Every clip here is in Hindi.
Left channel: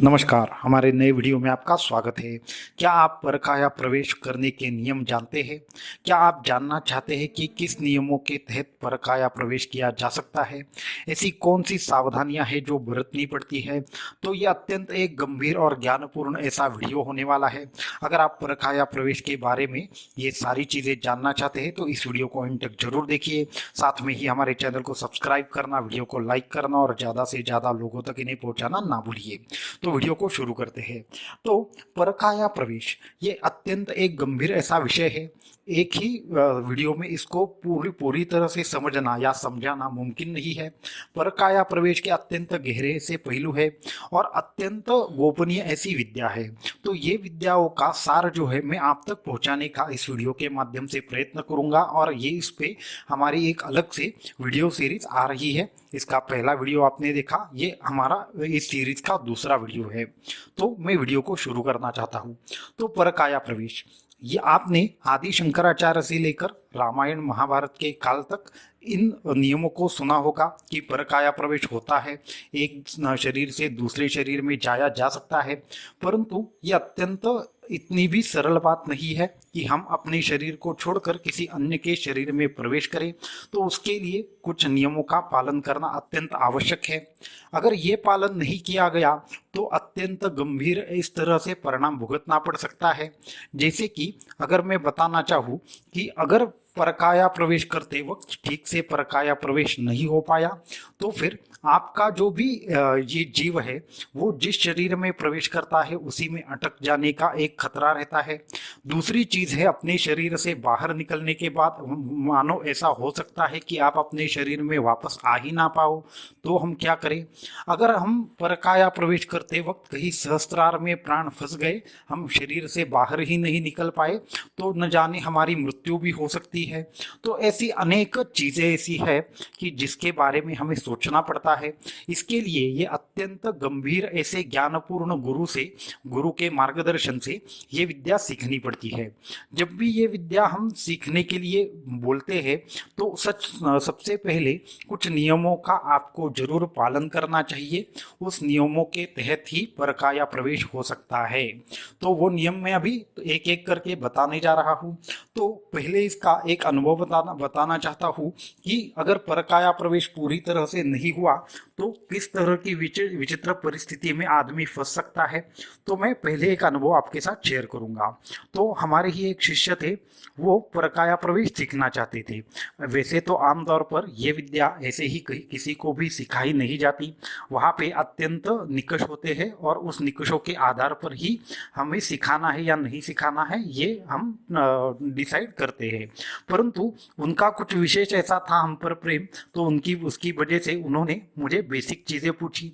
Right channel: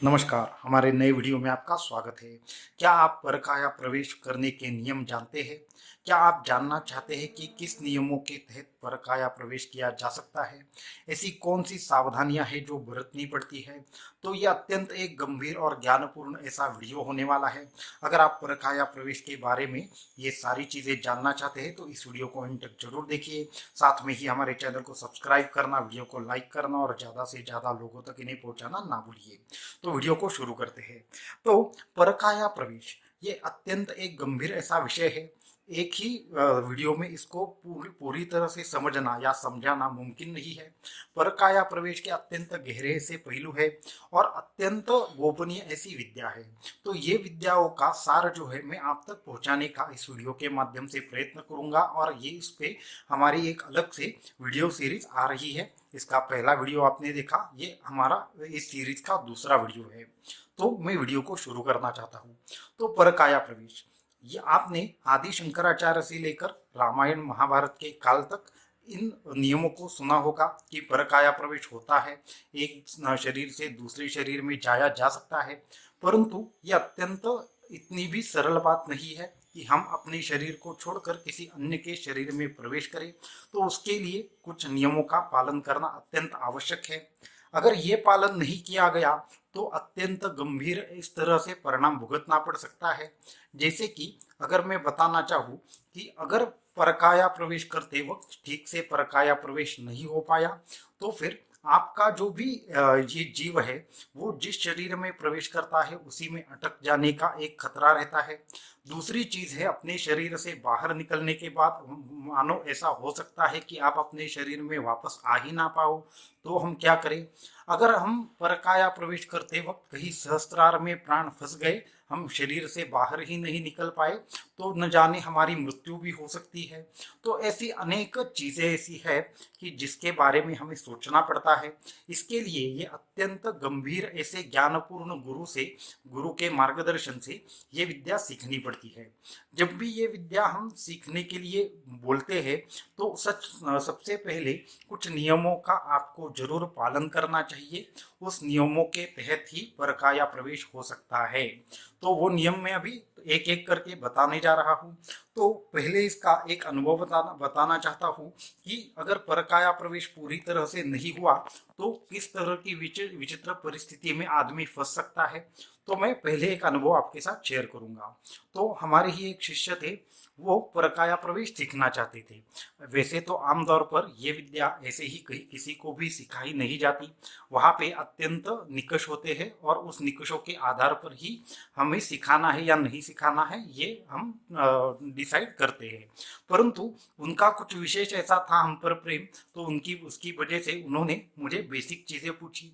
नमस्कार, हमारे नए वीडियो में आपका स्वागत है। क्या आप परकाया प्रवेश करने के नियम जानते हैं? क्या आप जानना चाहते हैं कि किस नियमों के तहत परकाया प्रवेश किया जा सकता है? ऐसी कौन सी सावधानियां हैं जो बरतनी पड़ती है? तो ये अत्यंत एक गंभीर और ज्ञानपूर्ण ऐसा वीडियो होने वाला है। अगर आप परकाया प्रवेश के बारे में ये सारी चीज़ें जानना चाहते हैं तो इस वीडियो को अंत तक जरूर देखिए। साथ में ही हमारे चैनल को सब्सक्राइब करना, वीडियो को लाइक करना और ज़्यादा से ज़्यादा लोगों तक इन्हें पहुँचाना ना भूलिए। तो वीडियो को शुरू करते हैं। तो परकाया प्रवेश ये अत्यंत एक गंभीर ऐसा विषय है। एक ही वीडियो में इसको पूरी पूरी तरह से समझना या समझाना मुमकिन नहीं है। परकाया प्रवेश के अत्यंत गहरे से पहलू है और अत्यंत गोपनीय ऐसी विद्या है। तो ये विद्याओं का सार जो है मैं आप तक पहुंचाने का इस वीडियो के माध्यम से प्रयत्न करूंगा और ये इस पे हमारी एक अलग से वीडियो सीरीज आ रही है। इसका पहला वीडियो आपने देखा, ये हमारा इस सीरीज का दूसरा वीडियो है। तो मैं वीडियो को शुरू करना चाहता हूँ। तो परकाया प्रवेश ये आपने आदि शंकराचार्य से लेकर रामायण महाभारत के काल तक इन नियमों को सुना होगा कि परकाया प्रवेश होता है, एक शरीर से दूसरे शरीर में जाया जा सकता है। परंतु ये अत्यंत इतनी भी सरल बात नहीं है कि हम अपने शरीर को छोड़कर किसी अन्य के शरीर में प्रवेश करें। तो उसके लिए कुछ नियमों का पालन करना अत्यंत आवश्यक है। अगर ये पालन नहीं किया गया तो अत्यंत गंभीर इस तरह से परिणाम भुगतना पड़ सकता है। जैसे कि अगर मैं बताना चाहूँ कि अगर परकाया प्रवेश करते वक्त ठीक से परकाया प्रवेश नहीं हो पाया तो फिर आपका जो भी ये जीव है वो जिस शरीर में प्रवेश करता है उसी में अटक जाने का एक खतरा रहता है। दूसरी चीज़ है, अपने शरीर से बाहर निकलने के बाद मानो ऐसा हो सकता है कि आप अपने शरीर में वापस आ ही ना पाओ। तो हम क्या करें? अगर हम परकाया प्रवेश करते वक्त कहीं सहस्त्रार में प्राण फंस गए, हम शरीर से बाहर ही नहीं निकल पाए, तो न जाने हमारी मृत्यु भी हो सकती है। तो ऐसी अनेक चीज़ें ऐसी है कि जिसके बारे में हमें सोचना पड़ता है। इसके लिए ये अत्यंत गंभीर ऐसे ज्ञानपूर्ण गुरु के मार्गदर्शन से ये विद्या सीखनी पड़ती है। जब भी ये विद्या हम सीखने के लिए बोलते हैं तो सबसे पहले कुछ नियमों का आपको जरूर पालन करना चाहिए। उस नियमों के तहत ही परकाया प्रवेश हो सकता है। तो वो नियम मैं अभी एक एक करके बताने जा रहा हूँ। तो पहले इसका एक अनुभव बताना चाहता हूँ कि अगर परकाया प्रवेश पूरी तरह से नहीं हुआ तो किस तरह की विचित्र परिस्थिति में आदमी फंस सकता है। तो मैं पहले एक अनुभव आपके साथ शेयर करूंगा। तो हमारे ही एक शिष्य थे, वो परकाया प्रवेश सीखना चाहते थे। वैसे तो आमतौर पर यह विद्या ऐसे ही किसी को भी सिखाई नहीं जाती। वहाँ पे अत्यंत निकष होते हैं और उस निकषों के आधार पर ही हमें सिखाना है या नहीं सिखाना है ये हम डिसाइड करते हैं। परंतु उनका कुछ विशेष ऐसा था हम पर प्रेम, तो उसकी वजह से उन्होंने मुझे बेसिक चीज़ें पूछी।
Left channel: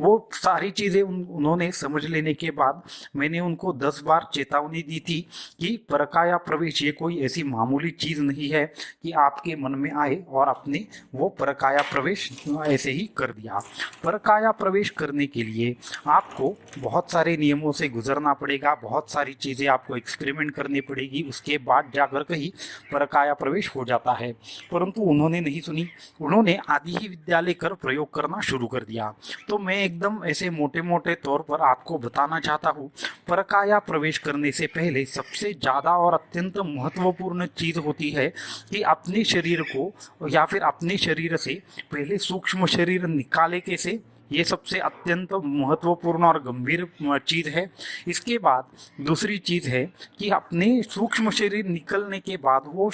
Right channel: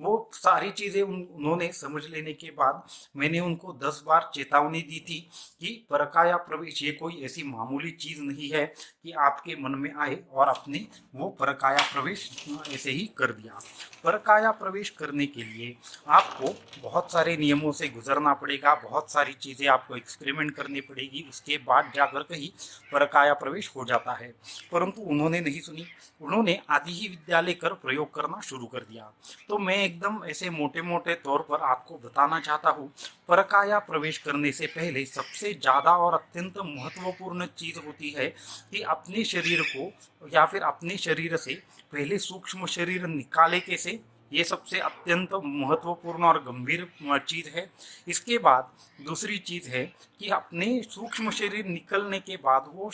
वो सारी चीज़ें उन्होंने समझ लेने के बाद मैंने उनको 10 बार चेतावनी दी थी कि परकाया प्रवेश ये कोई ऐसी मामूली चीज़ नहीं है कि आपके मन में आए और आपने वो परकाया प्रवेश ऐसे ही कर दिया। परकाया प्रवेश करने के लिए आपको बहुत सारे नियमों से गुजरना पड़ेगा, बहुत सारी चीज़ें आपको एक्सपेरिमेंट करनी पड़ेगी, उसके बाद जाकर कहीं परकाया प्रवेश हो जाता है। परंतु उन्होंने नहीं सुनी, उन्होंने आदि ही विद्या लेकर प्रयोग करना शुरू कर दिया। तो मैं एकदम ऐसे मोटे मोटे तौर पर आपको बताना चाहता हूँ, परकाया प्रवेश करने से पहले सबसे ज़्यादा और अत्यंत महत्वपूर्ण चीज़ होती है कि अपने शरीर को या फिर अपने शरीर से पहले सूक्ष्म शरीर निकाले कैसे, ये सबसे अत्यंत महत्वपूर्ण और गंभीर चीज़ है। इसके बाद दूसरी चीज़ है कि अपने सूक्ष्म शरीर निकलने के बाद वो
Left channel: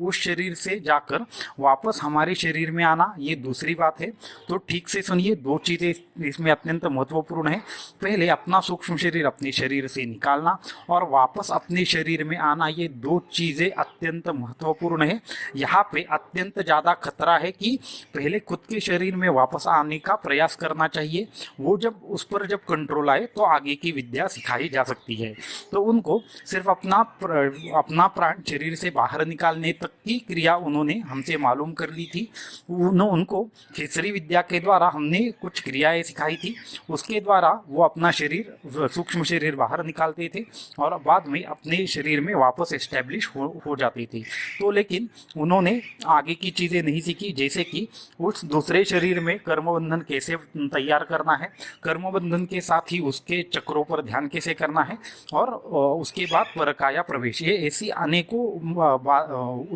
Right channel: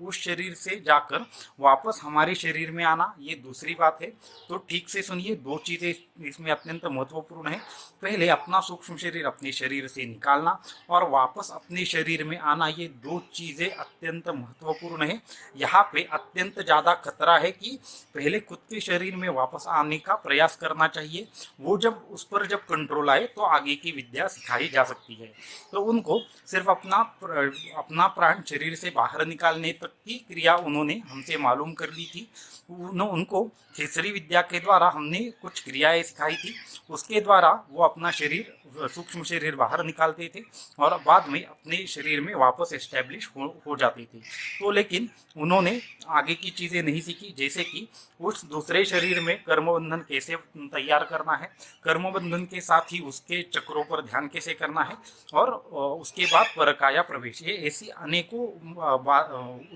उस शरीर से जाकर वापस हमारे शरीर में आना, ये दूसरी बात है। तो ठीक से सुनिए, दो चीज़ें इसमें अत्यंत महत्वपूर्ण है। पहले अपना सूक्ष्म शरीर अपने शरीर से निकालना और वापस अपने शरीर में आना, ये दो चीज़ें अत्यंत महत्वपूर्ण है। यहाँ पे अत्यंत ज़्यादा खतरा है कि पहले खुद के शरीर में वापस आने का प्रयास करना चाहिए। वो जब उस पर जब कंट्रोल आए तो आगे की विद्या सिखाई जा सकती है। तो उनको सिर्फ अपना प्राण शरीर से बाहर निकालने तक की क्रिया उन्होंने हमसे मालूम कर ली थी। उनको खेसरी विद्या के द्वारा हमने कुछ क्रियाएं सिखाई थी, उसके द्वारा वो अपना शरीर सूक्ष्म शरीर बाहर निकालते थे और बाद में अपने शरीर में वापस एस्टेब्लिश हो जाते थे। तो लेकिन उन्होंने आगे की चीज़ें नहीं सीखी, जैसे कि उस दूसरे शरीर में कर्मबंधन कैसे तैयार करना है, कर्म बंधन के साथ ही उसके चक्रों पर ध्यान कैसे करना है, और उसके बाद परकाया प्रवेश, ये ऐसी अनेकों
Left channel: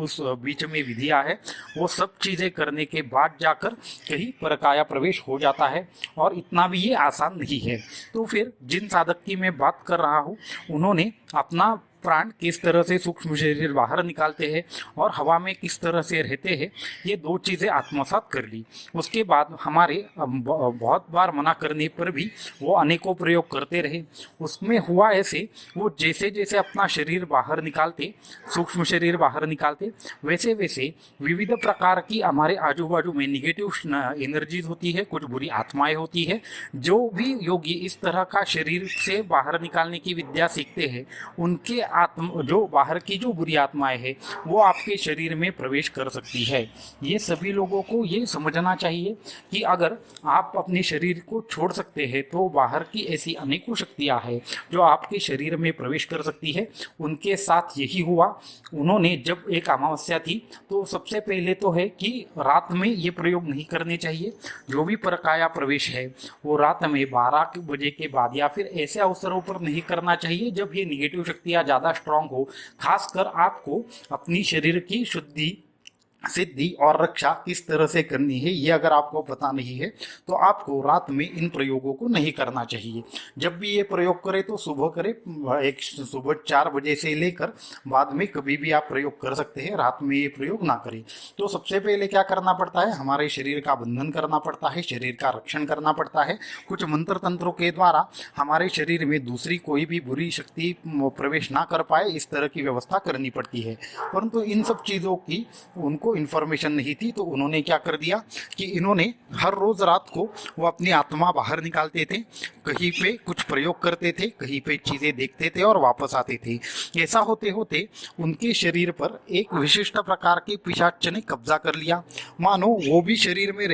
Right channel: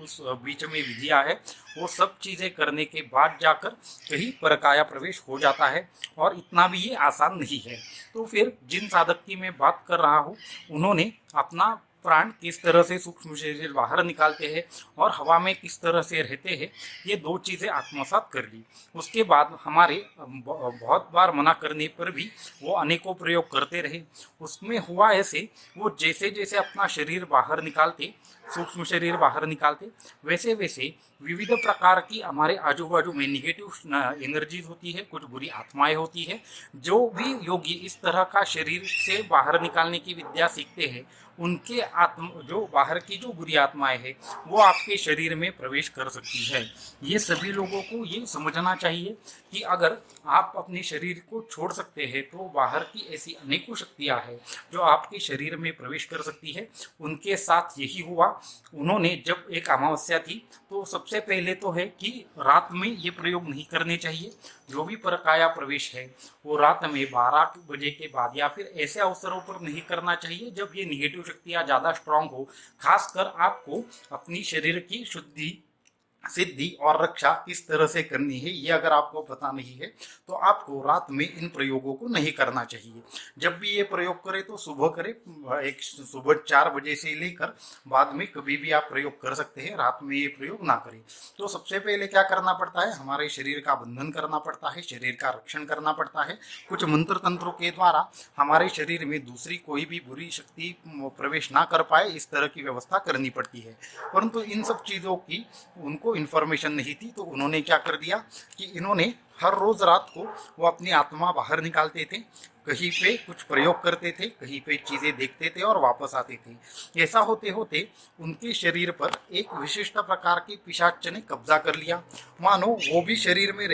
उस बीच में विधियां है, वो सब चीज़ें करने के बाद जाकर कहीं परकाया प्रवेश हो जाता है। और इतना भी ये आसान नहीं है। तो फिर जिन साधक की मैं बात कर रहा हूँ, उन्होंने अपना प्राण किस तरह से सूक्ष्म शरीर बाहर निकालते हैं और हवा में किस तरह से रहते हैं, ये दो चीज़ें आत्मसात कर ली। उसके बाद हमारे बहुत बार मना करने पर भी वो अनेकों प्रयोग करते रहे। उसमें हुआ ऐसे, वो जैसे जैसे अपना शरीर बाहर निकालते, सूक्ष्म शरीर बाहर निकालते, वैसे वैसे विविध प्रकार की हमारे आजू बाजू में निगेटिव एनर्जीज होती है, कुछ बुरी आत्माएं होती है। जो भी योगी इस तरह का शरीर से बाहर निकालने की विद्या सीखते हैं, उनके आत्म जो बाहर की जो बुरी आत्माएं हैं, वो आपके शरीर में प्रवेश कर सकती है। ये सभी लोगों को ये समझना चाहिए कि अगर आप अपने शरीर को छोड़ सकते हैं, तो बाहर की ऐसी अनेकों शक्तियां हैं जो आपके शरीर में प्रवेश कर सकती है। उनके साथ यही हुआ। उन्होंने जब एक अमावस्या थी, तो सबसे पहले तो है कि रात में ये प्रयोग नहीं करने चाहिए। जो भी परकाया प्रवेश है वो रात में 12 बजे के बाद या फिर ऐसे अवसरों पर नहीं करना चाहिए जब ये निगेटिव शक्तियाँ ज़्यादा स्ट्रांग हो। खासकर आपको अपनी शरीर की शुद्धि, सिद्धि और रक्षा किस तरह से करनी है, ये अगर आपको पता नहीं है, तो आपको रात में इन प्रयोगों को नहीं करना चाहिए। जब भी ये प्रयोग करें तो सुबह करें, एक सुबह 4 बजे से लेकर बाद में कभी भी आप प्रयोग कर सकते हैं, रात में ये प्रयोग ना करें। तो सबसे पहले क्या करना पड़ता है, हमारे शरीर का बंधन करना पड़ता है, शरीर का रक्षण करना पड़ता है। कुछ मंत्र तंत्रों के द्वारा हमारे शरीर में दूसरी कोई भी बुरी शक्ति प्रवेश ना कर पाए, इस तरह की व्यवस्था करनी पड़ती है। परंतु इन सब चीज़ों की उनको इन्फॉर्मेशन नहीं थी, तो उन्होंने क्या कर दिया कि इन्होंने हर रोज रात को वो अपनी आत्मा बाहर निकालते थे, कहीं पे कुछ प्रयोग करते थे, कहीं पे चीजें देखते थे और वापस आते थे। ऐसा होते होते उनके शरीर पर एक विशिष्ट प्रकार के पिशाच ने कब्जा कर लिया। मानो वो भी शरीर में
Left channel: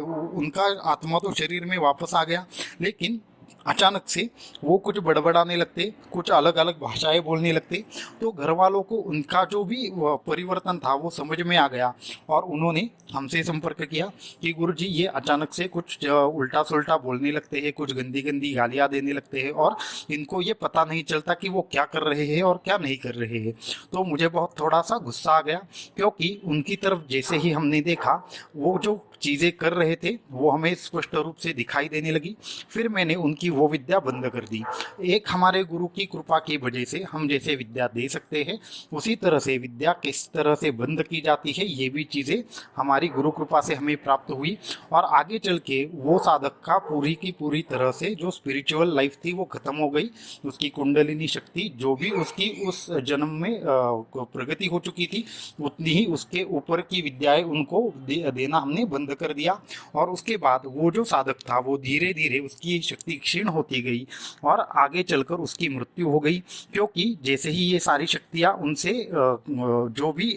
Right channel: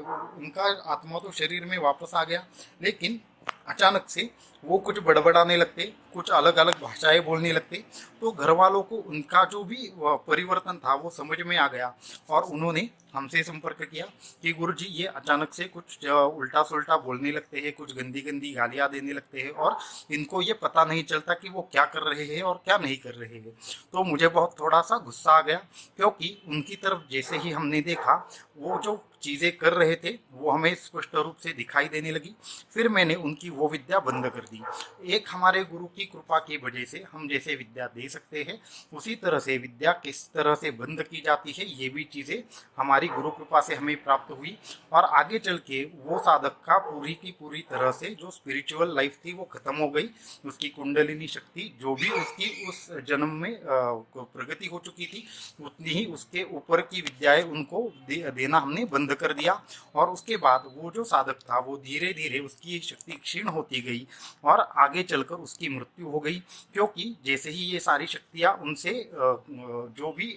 उनका आत्मा तो शरीर में वापस आ गया, लेकिन अचानक से वो कुछ बड़बड़ाने लगते, कुछ अलग अलग भाषाएं बोलने लगते। तो घर वालों को उनका जो भी परिवर्तन था वो समझ में आ गया, और उन्होंने हमसे संपर्क किया कि गुरुजी ये अचानक से कुछ उल्टा सुल्टा बोलने लगते हैं, कुछ गंदी गंदी गालियां देने लगते हैं, और इनको ये पता नहीं चलता कि वो क्या कर रहे हैं और क्या नहीं कर रहे हैं। तो मुझे बहुत थोड़ा सा गुस्सा आ गया, क्योंकि उनकी तरफ जैसे ही हमने देखा, वो जो चीज़ें कर रहे थे वो हमें स्पष्ट रूप से दिखाई देने लगी। फिर मैंने उनकी वो विद्या बंद कर दी। एक हमारे गुरु की कृपा की वजह से हम जैसे विद्या दे सकते हैं, उसी तरह से विद्या किस तरह से बंद की जाती है, ये भी चीज़ें हमारी गुरु कृपा से हमें प्राप्त हुई। और आगे चल के वो साधक का पूरी की पूरी तरह से जो स्पिरिचुअल लाइफ थी वो खत्म हो गई। उसकी कुंडलिनी शक्ति जो भी उसकी उस जन्म में प्रगति हो चुकी थी, उतनी ही उसके ऊपर की विद्याएं उनको देना हमने बंद कर दिया। और उसके बाद वो जो साधक था वो धीरे धीरे उसकी शक्ति क्षीण होती गई और आगे चलकर उसकी मृत्यु हो गई। क्योंकि जैसे ही ये सारी शक्तियां उनसे जो भी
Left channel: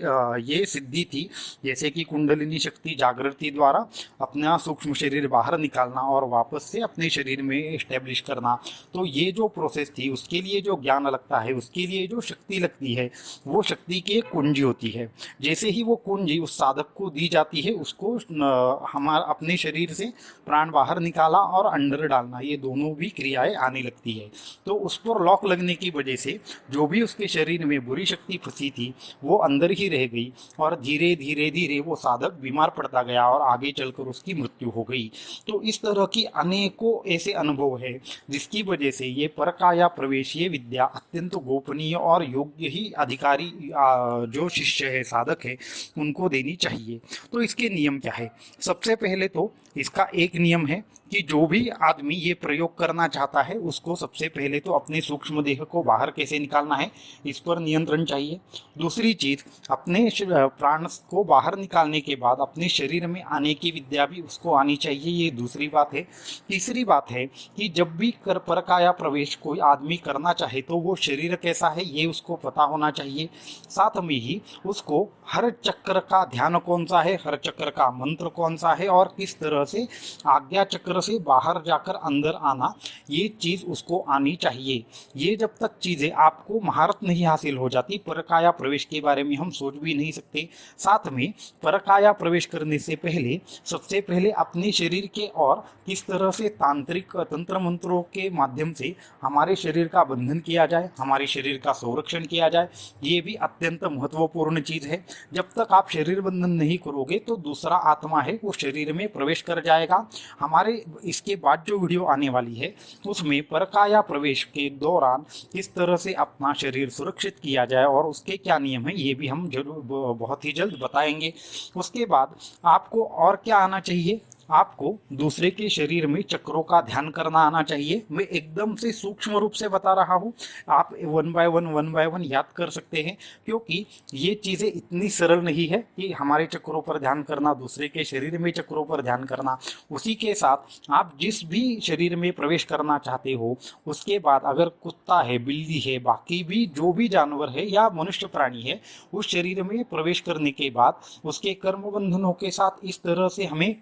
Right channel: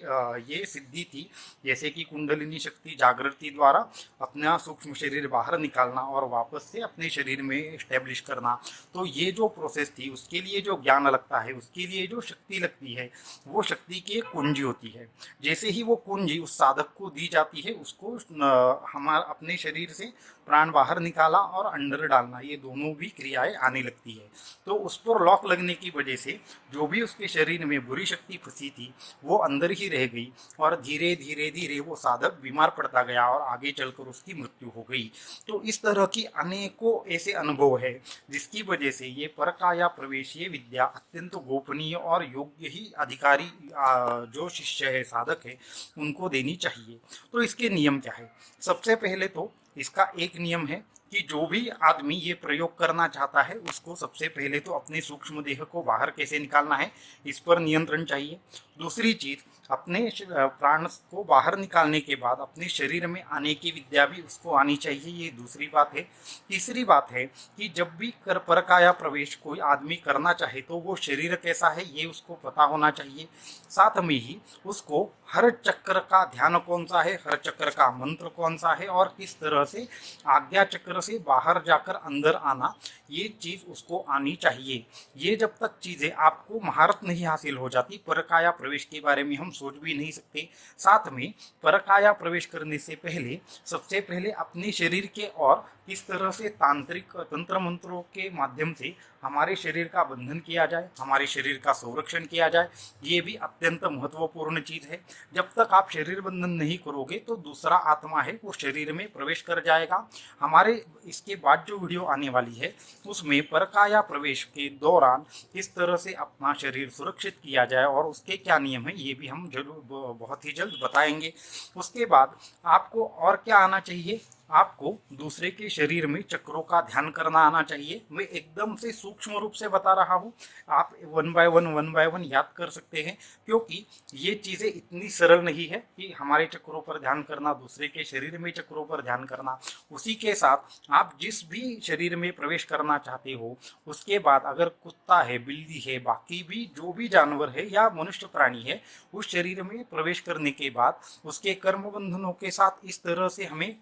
ये सिद्धि थी, जैसे कि कुंडलिनी शक्ति जागृति द्वारा अपना सूक्ष्म शरीर बाहर निकालना और वापस से अपने शरीर में एस्टेब्लिश करना, तो ये जो प्रोसेस थी उसके लिए जो ज्ञान लगता है, उसके लिए जो शक्ति लगती है, वो शक्ति की एक कुंजी होती है। जैसे ही वो कुंजी उस साधक को दी जाती है, उसको हमारा अपने शरीर से प्राण बाहर निकाला और अंदर डालना, ये दोनों भी क्रियाएं आने लगती है। तो उस पर लॉक लगने की वजह से जो भी उसके शरीर में बुरी शक्ति फंसी थी वो अंदर ही रह गई, और धीरे धीरे धीरे वो साधक बीमार पड़ता गया और आगे चलकर उसकी मृत्यु हो गई। तो इस तरह की अनेकों ऐसे अनुभव है जिसकी वजह से ये परकाया प्रवेश, ये विद्या अत्यंत गोपनीय और योग्य ही अधिकारी जो शिष्य है, साधक है, उनको देनी चाहिए। तो इसके नियम क्या है? सबसे पहले तो इसका एक नियम है कि जो भी आदमी ये प्रयोग करना चाहता है उसको सबसे पहले तो अपने सूक्ष्म देह को बाहर कैसे निकालना है, इस पर नियंत्रण चाहिए। दूसरी चीज, अपने प्राण को बाहर निकालने के बाद अपने शरीर में आने की विद्या भी उसको आनी चाहिए, ये दूसरी बात है। तीसरी बात है कि जब भी परकाया प्रवेश कोई आदमी करना चाहे तो वो शरीर कैसा है ये उसको पता होना चाहिए। साथ में ही उसको हर चक्र का ध्यान कौन सा है, हर चक्र का मंत्र कौन सा है, और किस तरह से आज्ञा चक्र तरह से बाहर जाकर अंदर आना, ये चीज़ उसको आनी चाहिए। ये जब तक चीज़ें आपको महारत नहीं हासिल हो जाती, परकाया प्रवेश के बारे में हम सोच भी नहीं सकते। साथ में परकाया प्रवेश करने से पहले सबसे पहले अपने शरीर के और किस तरह से तांत्रिक तंत्र मंत्रों के माध्यम से हमारे शरीर का बंधन किया जाए, हमारे शरीर का संरक्षण किया जाए, ये भी अत्यंत महत्वपूर्ण चीज़ है। जब तक आप शरीर बंधन नहीं करोगे तो दूसरा आत्मा है वो शरीर में प्रवेश कर जाएगा। हमारे इसके बाद जो वीडियो आने वाली है उसमें परकाया प्रवेश के दौरान किस तरह से अपना शरीर सुरक्षित किया जाए और उसके क्या नियम है, ये भी हम जरूर बहुत ही जल्द बताएंगे। उसके बाद आपको और क्या आना चाहिए, आपको दूसरे के शरीर में चक्रों का ध्यान करना आना चाहिए। मैं एकदम से सूक्ष्म रूप से बता रहा हूँ, आप वन बाय वन याद कर सकते हैं, क्योंकि ये चीज़ें इतनी सरल नहीं है कि हमारे चक्रों पर ध्यान करना, दूसरे के शरीर में चक्रों पर ध्यान करना। उसी के साथ आप जिस भी शरीर में प्रवेश करना चाहते हो, उसके बाद अगर कुत्ता है, बिल्ली है, बाकी भी जो भी जानवर है या मनुष्य प्राणी है, उस शरीर में प्रवेश करने के बाद उसके कर्म बंधनों के साथ इस तरह से हमें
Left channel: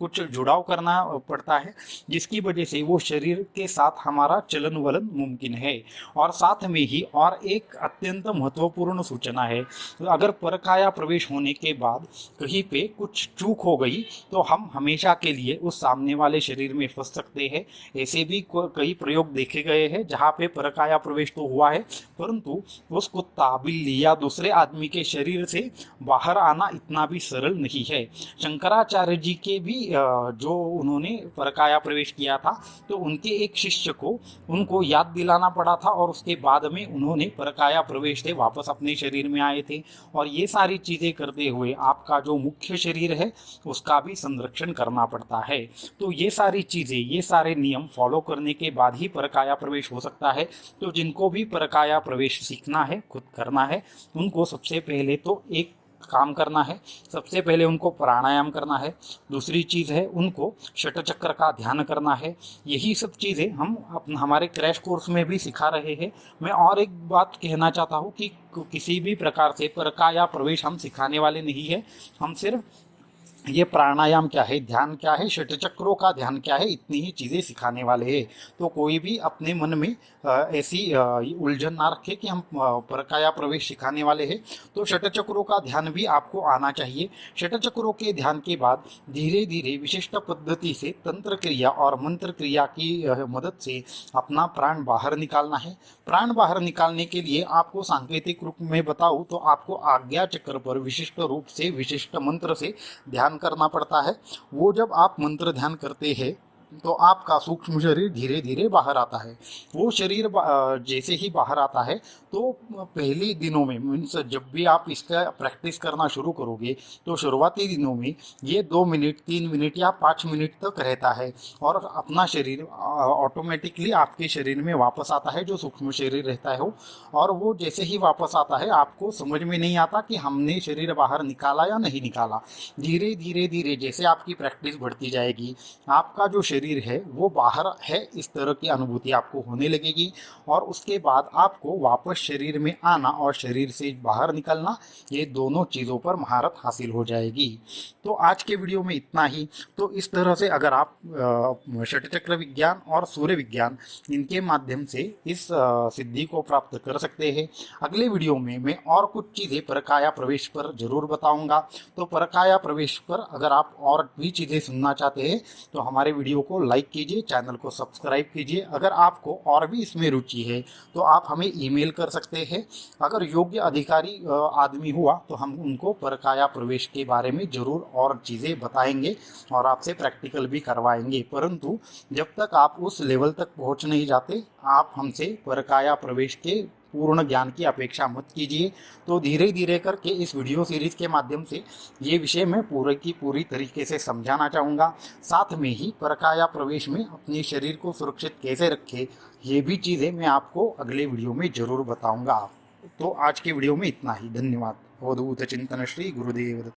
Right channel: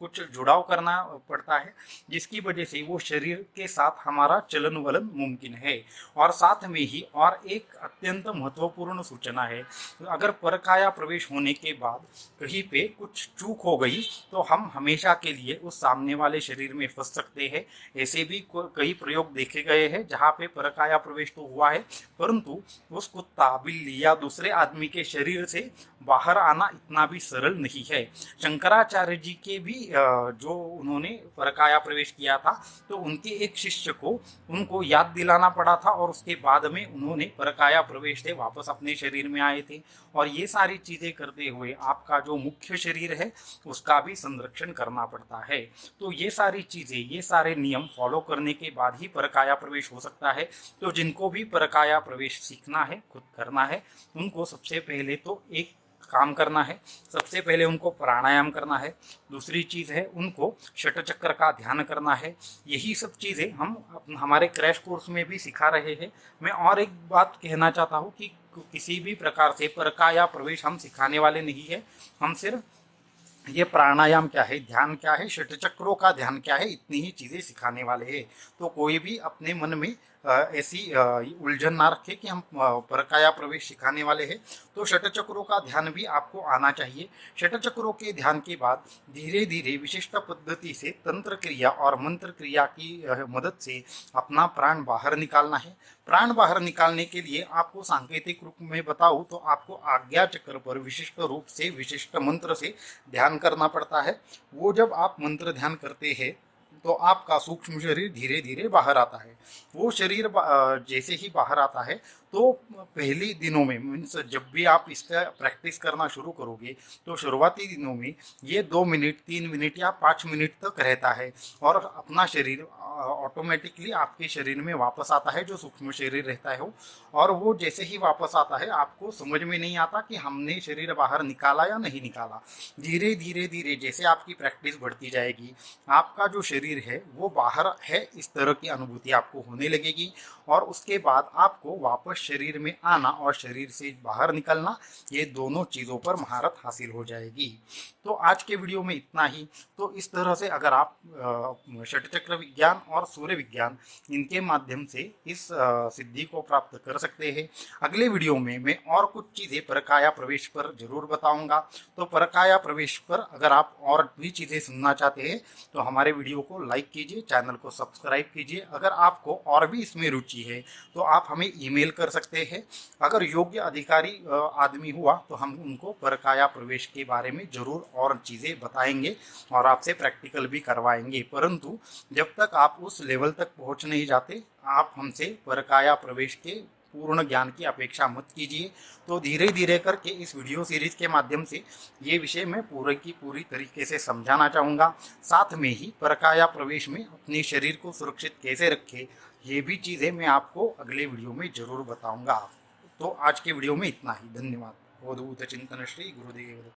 कुछ जुड़ाव करना पड़ता है, जिसकी वजह से वो शरीर के साथ हमारा चलन वलन मुमकिन है। और साथ में ही और एक अत्यंत महत्वपूर्ण सूचना है, अगर परकाया प्रवेश होने के बाद कहीं पे कुछ चूक हो गई तो हम हमेशा के लिए उस सामने वाले शरीर में फंस सकते हैं। ऐसे भी कई प्रयोग देखे गए हैं जहाँ पे परकाया प्रवेश तो हुआ है, परंतु उस कुत्ता, बिल्ली या दूसरे आदमी के शरीर से बाहर आना इतना भी सरल नहीं है। शंकराचार्य जी के भी जो उन्होंने परकाया प्रवेश किया था, तो उनके एक शिष्य को उनको याद दिलाना पड़ा था और उसके बाद में उन्होंने परकाया प्रवेश से वापस अपने शरीर में आए थे। और ये सारी चीज़ें करते हुए आपका जो मुख्य शरीर है उसका भी संरक्षण करना पड़ता है। तो ये सारी चीज़ें, ये सारे नियम फॉलो करने के बाद ही परकाया प्रवेश हो सकता है। तो जिनको भी परकाया प्रवेश सीखना है, खुद करना है, उनको सबसे पहले तो एक काम करना है, सबसे पहले उनको प्राणायाम करना है। दूसरी चीज़ है उनको षटचक्र का ध्यान करना है। यही सब चीज़ें हम हमारे क्रैश कोर्स में भी सिखा रहे हैं। मैं और एक बात कहना चाहता हूँ कि किसी भी प्रकार से परकाया प्रवेश हम सिखाने वाले नहीं है। हम सिर्फ ये प्राणायाम क्या है, ध्यान क्या है, षटचक्रों का ध्यान क्या है, इतनी ही चीज़ें सिखाने वाले हैं। तो कोई भी अपने मन में ऐसी उलझन ना रखे कि हम परकाया प्रवेश सिखाने वाले हैं। तो षटचक्रों का ध्यान भी आपको आना चाहिए। षटचक्रों के ध्यान के बाद धीरे धीरे विशिष्ट पद्धति से तंत्र क्रिया और मंत्र क्रिया की मदद से अपना प्राण बाहर निकालना है। प्राण बाहर निकालने के लिए आपको सांकेतिक रूप में बताऊँ तो आपको आज्ञा चक्र पर विशिष्ट रूप से विशिष्ट मंत्र से ध्यान करना पड़ता है। वो जब आप मंत्र ध्यान करते हैं तो आपका सूक्ष्म शरीर धीरे धीरे बाहर आता है। वो शरीर जैसे ही बाहर आता है तो पहले दिनों में, मीन्स जब भी आप इसका प्रैक्टिस करना शुरू करोगे तो शुरुआती दिनों में ये 2 मिनट, 3 मिनट या 5 मिनट तक रहता है और अपना शरीर ऑटोमेटिकली आपके शरीर में वापस आता है, जो सूक्ष्म शरीर रहता है वो। और वो जैसे ही वापस आता है आपको समझ में नहीं आता कि हमने शरीर बाहर निकाला या नहीं निकाला। धीरे धीरे धीरे जैसे आपकी प्रैक्टिस बढ़ती जाएगी, आपका जो शरीर है वो बाहर है, इस तरह की अनुभूति आपको होने लगेगी। और उसके बाद आपको वापस शरीर में आना और शरीर से बाहर निकलना, ये दोनों चीज़ों पर महारत हासिल हो जाएगी। तो आज के वीडियो में इतना ही। तो इस तरह से अगर आप षटचक्र विज्ञान और सूर्य विज्ञान, इनके माध्यम से इस सिद्धि को प्राप्त कर सकते हैं। अगले वीडियो में मैं और कुछ चीज़ें परकाया प्रवेश पर जरूर बताऊंगा। तो परकाया प्रवेश पर अगर आप और भी चीज़ें सुनना चाहते हैं तो हमारे वीडियो को लाइक कीजिए, चैनल को सब्सक्राइब कीजिए। अगर आपको और भी इसमें रुचि है तो आप हमें ईमेल कर सकते हैं। अगर योग्य अधिकारी आदमी हुआ तो हम उनको परकाया प्रवेश के बारे में जरूर और चीज़ें बताएंगे और आपसे प्रैक्टिकल भी करवाएंगे। परंतु जब तक आप उस लेवल तक पहुंच नहीं जाते, आप हमसे परकाया प्रवेश के पूर्ण ज्ञान की अपेक्षा मत कीजिए। तो धीरे धीरे करके इस वीडियो सीरीज के माध्यम से ये विषय मैं पूरे की पूरी तरीके से समझाना चाहूँगा। साथ में ही परकाया प्रवेश में अपने शरीर को सुरक्षित कैसे रखें, ये भी चीज़ें मैं आपको अगले वीडियो में ज़रूर बताऊँगा। तो आज के वीडियो में इतना ही। धन्यवाद। अवधूत चिंतन श्री गुरुदेव।